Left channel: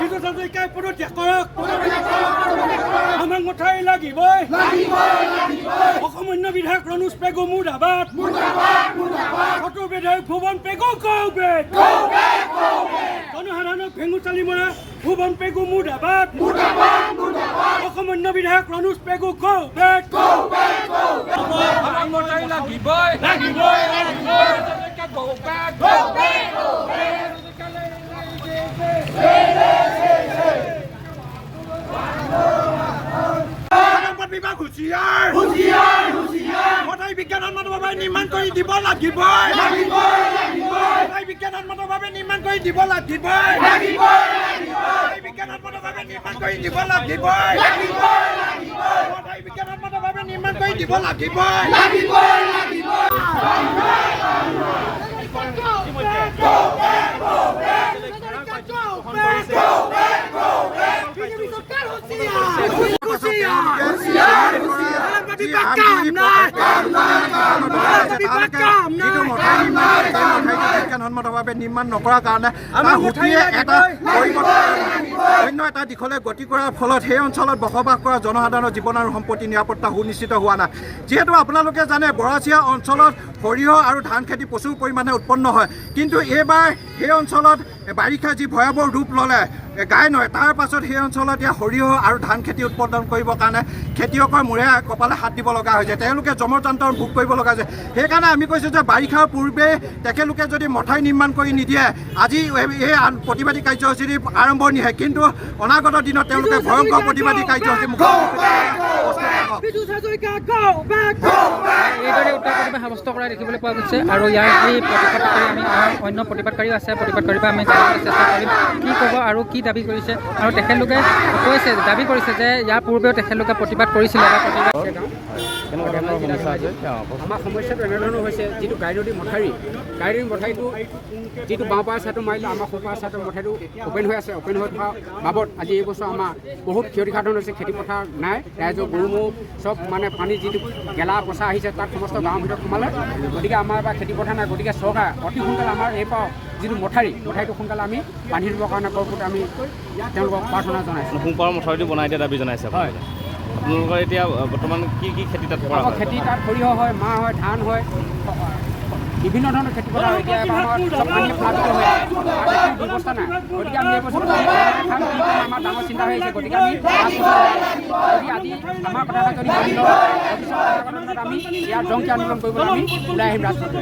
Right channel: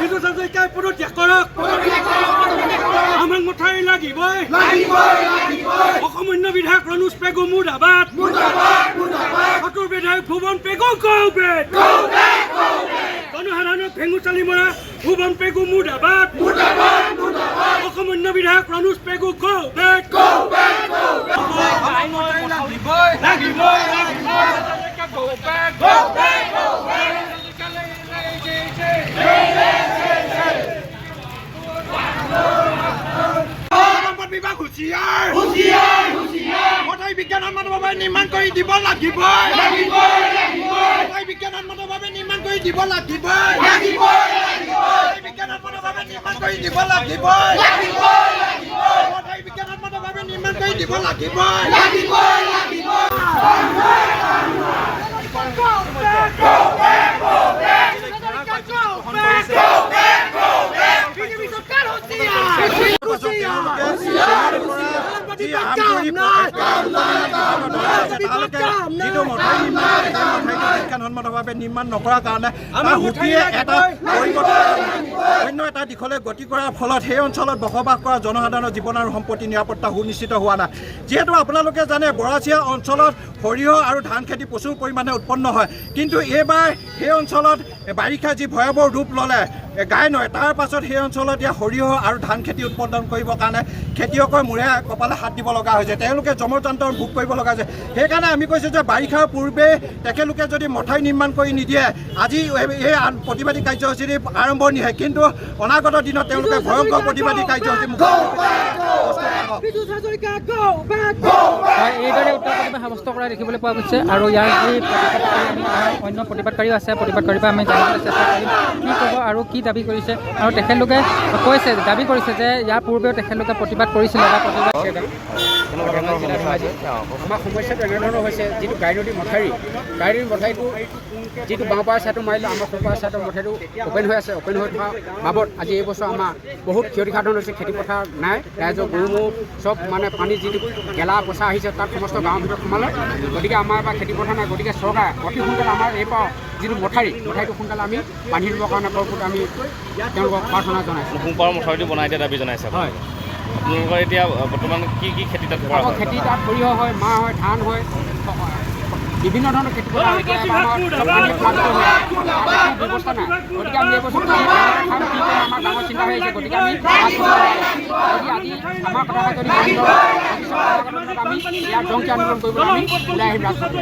বিদ্যুৎ হাজৰিকাই পদত্যাগ কৰক আমাক মঠাউৰি লাগিবই অসম অন্য বিধায়ক ৰণোজ পেগু মুৰ্দাবাদ সতুৰ বিধায়ক ভুৱন পেগু গৌবেদ জনসাধাৰণক ভেঙু চালি মৰা ভুৱন পেগু মুৰ্দাবাদ অসম অন্য বিধায়ক ৰণোজ পেগু গৌবেদ আমাক মঠাউৰি লাগিবই বিভাগ হুঁচিয়াৰ মঠাউৰি বিজ্ঞানসন্মতভাৱে নিৰ্মাণ কৰি দিব লাগিবই মঠাউৰি বিজ্ঞানসন্মতভাৱে নিৰ্মাণ কৰি দিব লাগিবই মঠাউৰি বিজ্ঞানসন্মতভাৱে নিৰ্মাণ কৰি দিব লাগিবই মঠাউৰি বিজ্ঞানসন্মতভাৱে নিৰ্মাণ কৰি দিব লাগিবই বিজ্ঞানসন্মতভাৱে নিৰ্মাণ নকৰাৰ কাৰণে তাৰ হুটিয়ে এটা অন্য এটা দিশলৈ গতি কৰাৰ ফলত সেই অঞ্চলত বসবাস কৰা জনসাধাৰণৰ জীৱন আৰু সম্পত্তি নিৰাপত্তা সুনিশ্চিত হোৱা নাই। যিহেতু আপোনালোকে জানে বৰাচিয়া অঞ্চলত সৰিয়হ আৰু ধান খেতি প্ৰচুৰ পৰিমাণে উৎপন্ন হয়, কিন্তু এইবাৰ সেই অঞ্চলত বাৰিষা যি ভয়াৱহ ৰূপ ল'লে গাই নয়, তাৰ পাছত সেই অঞ্চলত এতিয়া সৰিয়হ আৰু ধান খেতি উৎপাদন কৰিবৰ কাৰণে খেতিয়কৰ মূৰে কপালে হাত দিব লগা হৈছে, তেওঁলোকে যমযন্ত্ৰৰ ভোগ কৰিব লগা হৈছে। সেইকাৰণে আমি কৈছোঁ যে বাৰিষাৰ পূৰ্বে তেখেতলোকে যদি মঠাউৰি নিৰ্মাণ কৰি নিদিয়ে আজি এই প্ৰতিবাদী কাৰ্যসূচী আৰম্ভণিহে, কিন্তু অনাগত দিনত তেওঁলোকে ভয়ংকৰ প্ৰতিবাদী কাৰ্যসূচী এইদৰে উত্তৰ প্ৰতিবাদ সাব্যস্ত কৰা দেখিবলৈ পোৱা গৈছে। আৰু ইয়াৰ যি প্ৰতিবাদকাৰী আমি অন্য প্ৰতিবাদকাৰীও আছে, প্ৰতিবাদকাৰীৰ পৰা আমি জানিবলৈ চেষ্টা কৰিম কি ক'ব আৰু কি দাবী কৰিছে। আৰু তেখেতলোকে কৈছে দাবী কৰিছে যে ইয়াৰ পূৰ্বেও তেখেতলোকে প্ৰতিবাদ কৰিছিলে বা প্ৰতিবাদ আমাৰ সমস্যাটো এনেধৰণৰ হৈছে, যিটো গাইনদী মঠাউৰিটো যিটো বাওঁপাৰ ছাইডটো মাৰিলে আমাৰ সোঁপাৰ ছাইডৰ মঠাউৰিটো অ'পেন হৈ আছে। অ'পেন হৈ থকা বাবদ আজি এই বছৰ আমাৰ বহুত ক্ষতিসাধন হৈছে। খেতিপথাৰ নাই, ৰাইজৰ গৰু ম'হ চব মানে পানী যিটো গেলা পচা আহিছে তাত সমস্ত গাঁৱৰ ভিতৰত সোমালে। গতিকে আমাৰ এবাৰ খেতিপথাৰ নাই, গতিকে চৰকাৰে অতি সোনকালে আমাৰ এই যিটো মঠাউৰিটো সোনকালে আমি বান্ধি দিবৰ কাৰণে পৰৱৰ্তী আমি তেওঁলোকক প্ৰাৰ্থনা জনাইছোঁ। সোঁপাৰ মঠাউৰিটো বনাই দিয়া দাবী জনাইছে। হয়, আপোনালোকৰ এতিয়া বৰ্তমান কি খেতি তাত কৰা হয়? খেতি তাত সৰিয়হ হয়, মাহ হয়, ধান হয়, বিভিন্ন ধৰণৰ খেতি পথাৰ হয়। এতিয়া আমাৰ চব পানী প্লাবিত হৈ আছে, ব্যৱস্থা নাই। গতিকে আমি এই বছৰ আমাৰ ডাঙৰ চিন্তা হৈ আহিছে। গতিকে আমি আজি আমাৰ কথা যদি মানি লওঁ, আমি ইয়াৰ জংকী আন্দোলন কৰিবলৈ আমি ওলাই আহিম ৰাজপথত।